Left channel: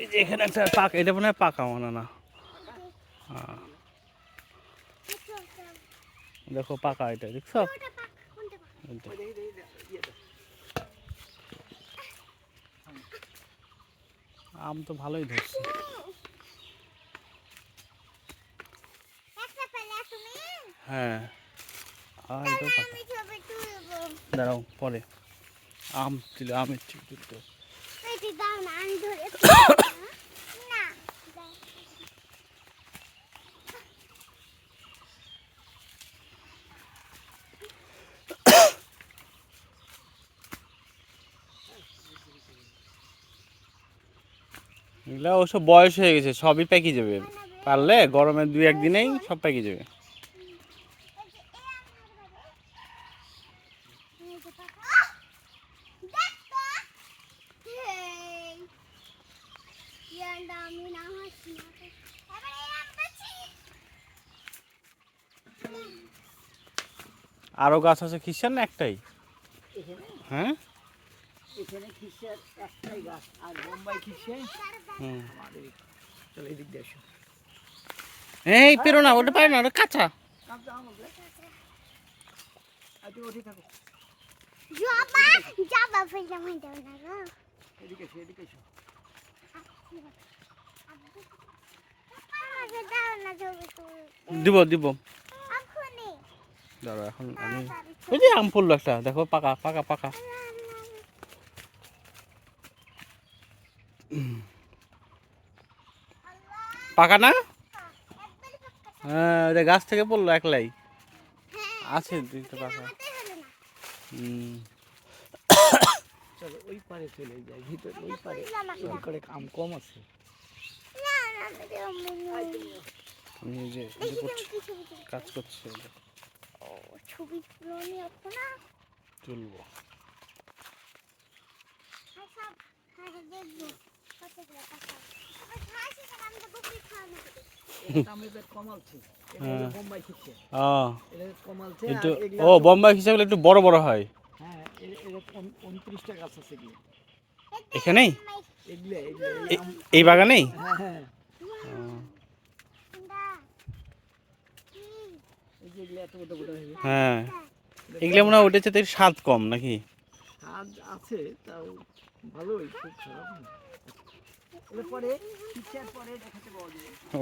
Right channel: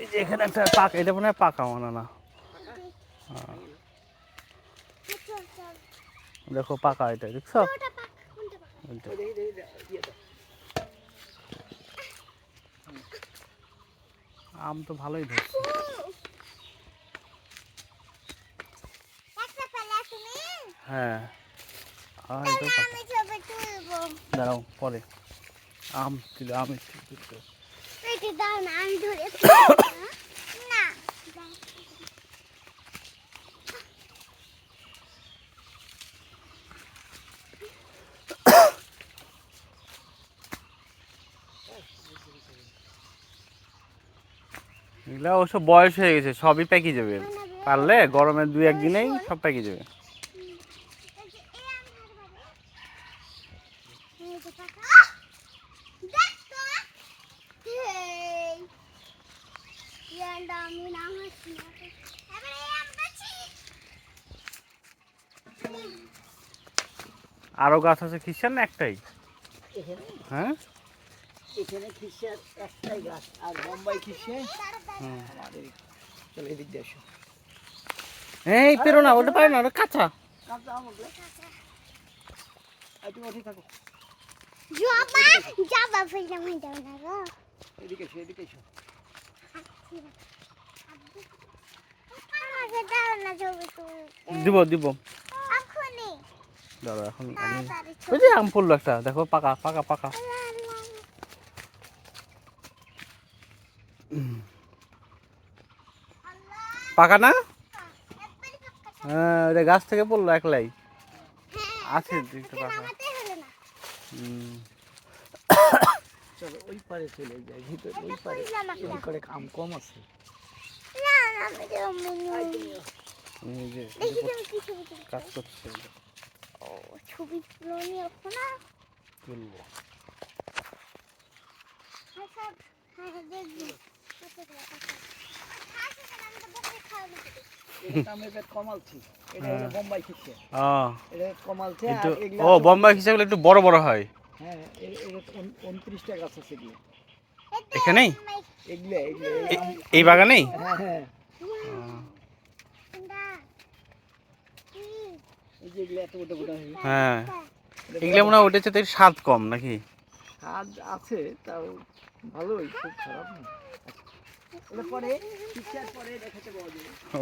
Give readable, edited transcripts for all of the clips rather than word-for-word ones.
এই যে এখানে একটা পাকা, এটা মনে হয় পাকা মনে না। হ্যাঁ দেখো পাকা, এটা দেখছো? আম তো ভালোই ধরছে। হ্যাঁ দাঁড়াও পরে আম তুলে আমের ছবি তুলতে। এগুলা অবশ্য বয়স হয়ে গেছে, সবই পেকে যাবে পারলে, গরমে 2-1 দিনেই সব পেকে যাবে। আরো গাছ আছে খ্রিস্টান না একটাই? হ্যাঁ এখানে খিসে একটাই গাছ আর বোম্বাই খিসে। চলো এদিক দিয়ে আসো। এই পেরো না, ওটা পারে না, ওটা কাঁচা। কাঁচা আম ওগুলো। তুমি ওঠে থাকো। যাবা ফেলে মাইটা না গো। এদিকে এসো, এদিকে এসো। দিব দিব দাঁড়া, এখন আমি ওই যে আম পড়লো একটা, দেখো পাকা পাকা পাকা। পাকা না? হ্যাঁ এটা গাছ থেকে পড়লো একলাই, আছে দুইটা পাকা। চলো ওই পারে চলে যাই, ভিতরে ওই পারে এদিক করে আম কম আছে। কাজ করছে ছবি তুলবো। ও বোম্বাই খিসে একটু বড় বড় হয়। হ্যাঁ 29টা গাছ আছে এখানেই এই বাগানেই। হ্যাঁ হ্যাঁ এগুলো মনে হয় উঠেছে, তো স্বাদ কম নাকি? স্বাদ আছে তাও ভালোই, খুব খারাপ না। পরে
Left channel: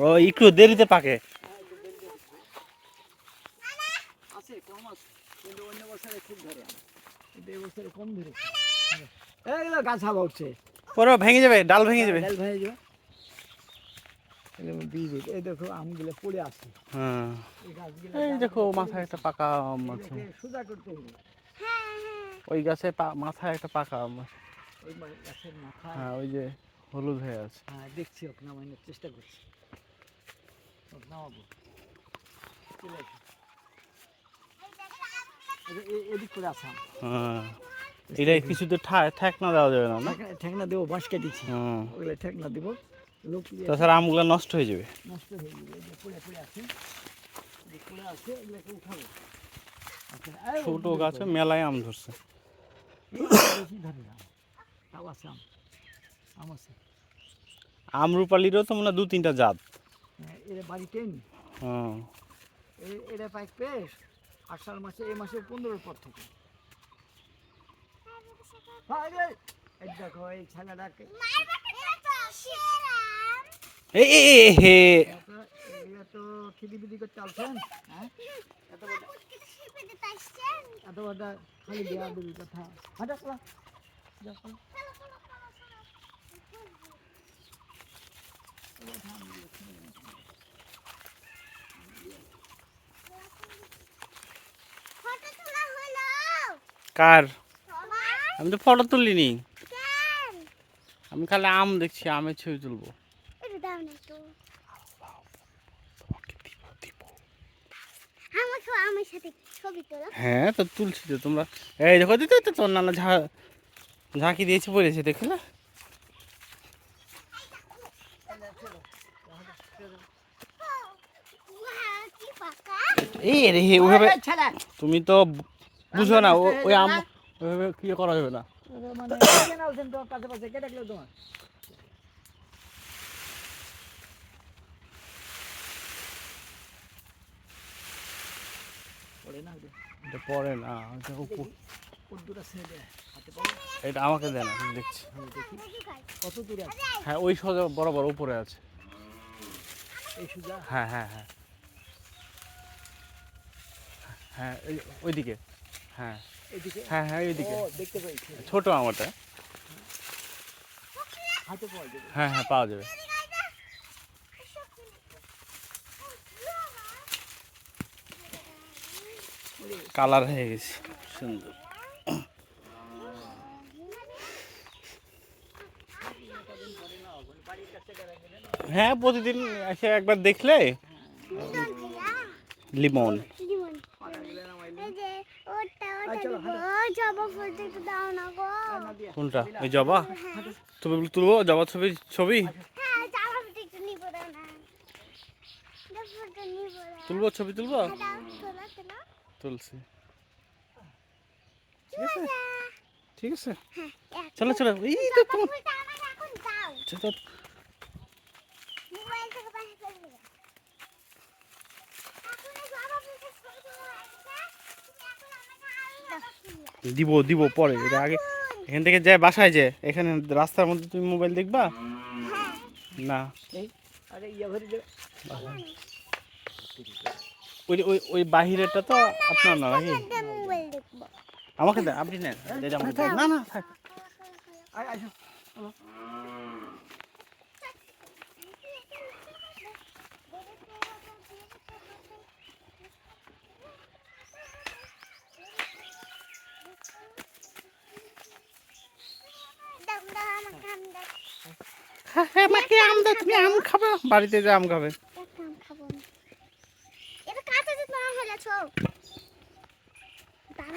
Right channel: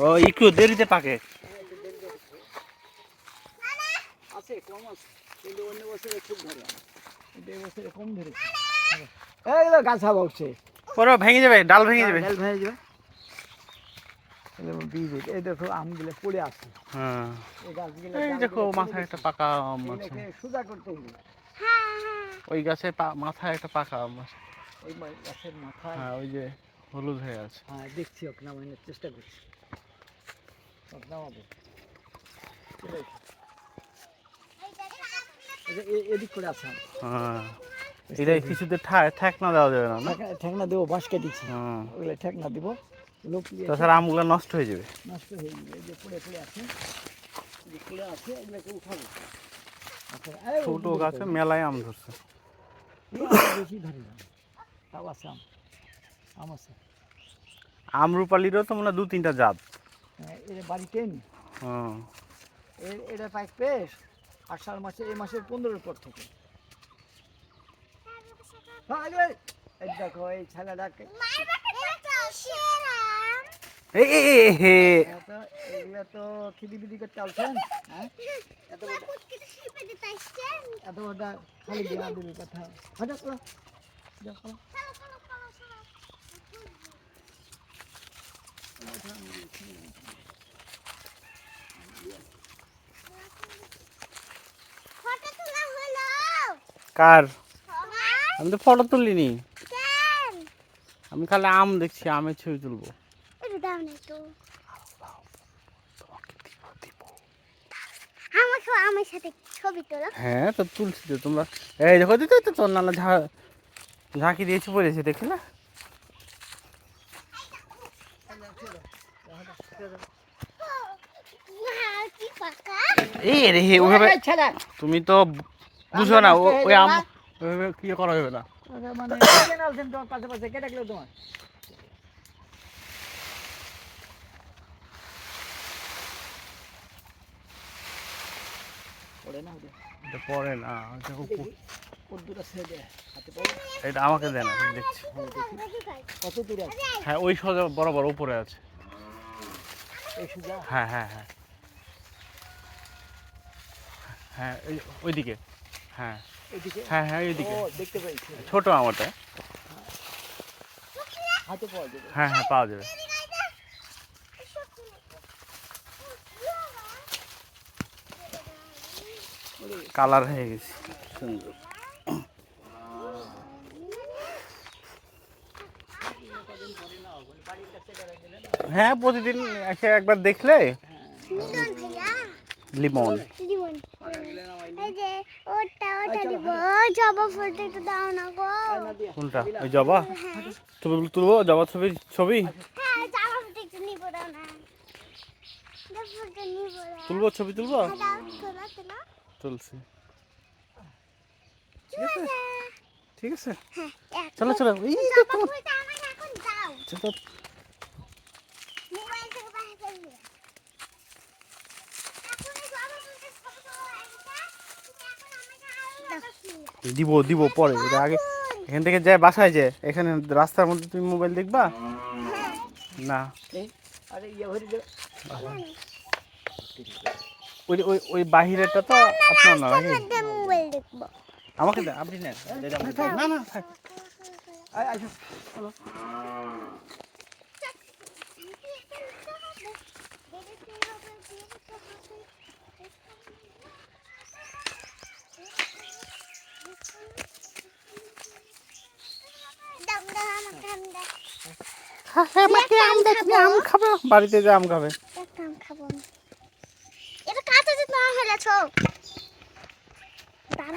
ও একটু দেরিতে পাকে। আছে কম আছে, কিন্তু অন্য বছরে খুব ধরে, এই বছরে কম ধরেছে। এইগুলো গাছ হাওয়া উঠছে, পরে ভেঙে যাবে, ডাল ভেঙে যাবে, ডাল ভেঙে যাবে। বীজ এই দেখো আমগুলো পড়ে আছে। হ্যাঁ এই দেখো মাথায় একটা পাকা আম আছে, সোজা করতে হবে। ওই গাছের মাথায় একটা পাকা আম আছে, ওই গাছের মাথায়। হ্যাঁ ওই যে হলুদ হয়ে আছে। হ্যাঁ দেখছি, ওকে নামানোর চেষ্টা করছি, নামাবো। এদিক করে আছে। হ্যাঁ এটা কিছুতে ঠেকনা দেওয়া যাবে না, ঠেকনা দেবো, বাঁশ কেটেছি, ওগুলো ঠেকনা দেবো, তাছাড়া আমগুলো নষ্ট হয়ে যাবে। নষ্ট হয়ে যাবে, এই যে পড়ে পড়ে আছে, যে পড়ে আছে ওগুলোকে উঠাবো। ছোট গাছে মেলায় আম ধরছে, বেশি ধরে না, তাও আছে আম আছে। আমরুপালিরও তো মনে হয় 2-3টা জাত। এর বাড়িতে এটা পাই পেশ আষাঢ় মাসে, এই মাসের 15-এর পর থেকে। দেখো এই ছেলেটাকে এগুলো তো খিদিবিদি করতে আসছেন। এত বড় খালি দেওয়া দিবি কথা। কার? আমি তো ফটো তুলিনি, আমি খালি আম দেখছি, আমের ছবি তুলবো। হ্যাঁ তো তুলছি তো, তোমরা এই দেখো দিতে তো, তোর নানা ঝাঁকি দিয়েছে পড়েছে, দেখি না? এই রে ওইভাবে তুমি তো বুঝো না, ওই আম ওইভাবে কি করা যাবে না। মানে পাশে পাশে কে ডাকলো তোমার? পড়ে না ওটা? এটা পরে না, এটা উপর। ওর দুটো সাইডে হাতে পড়ে। এটা আমাকে দেন, আমি দেখছি। হ্যাঁ দেখি কত দূরে আছে হ্যাঁ ওই সোজা বরাবর উপরে আছে। এই সুজা। হ্যাঁ হ্যাঁ হ্যাঁ হ্যাঁ, ওইদিকে। হ্যাঁ এদিকে হ্যাঁ হ্যাঁ ওইদিকে। ও দেখতে পাইছি, ছোট আমারটা। হাতে পাওয়া যাবে। হ্যাঁ হ্যাঁ পাওয়া যাবে। কালার হয়ে গেছে সুন্দর। হ্যাঁ প্রতিদিন এসে একবার দেখলে। লিমন ভাইয়া, লিমন। লিমন। এই যে ওটা দিব, জবা ফুলটা একটু দাও না গো। কোনটা? ওই জবা? তুমি তুলবো জবা ছবি? ছবি হ্যাঁ, জবা ফুলটা একটু নিব দাও না। জবা ফুলটা নিব দাও। তুলবো, ছবি তুলবো। দাও, তোলা তোলা। তুলছি। ঠিক আছে। ঠিক আছে, হ্যাঁ, এক চলো চলো। এই তো জবা তোমার- ফুলটা আমাকে এখন দাও। চলো। মোবাইল থেকে বাইরে ফেলবি না। এখন এই জবা ফুলটা ছোট একটা, তুমি এখন আমাকে আরো ফুল। দিব দিব পরে, এটা আগে এখান থেকে যাই বাসায়, যে এখানে রাস্তার মধ্যে তুমি মোবাইল দেখবা না? এই আরে ইয়া ভরে দেবে। ওই ওই ওই বাহিরেরটা তো আপনার না নাকি? একটা মোবাইল দেখবো। আমাকে দেন, আপনি নেন। এটা আমাকে দেন। না না থাক। আয় আসো। দাম দাম আমাকে আম দাও। আমাকে আম দেন, তুমি আম খাবে? বাড়িতে যে আম খাবে। একটা আম খাবো আমি। এটা কাঁচা যে না হলেছ। দাম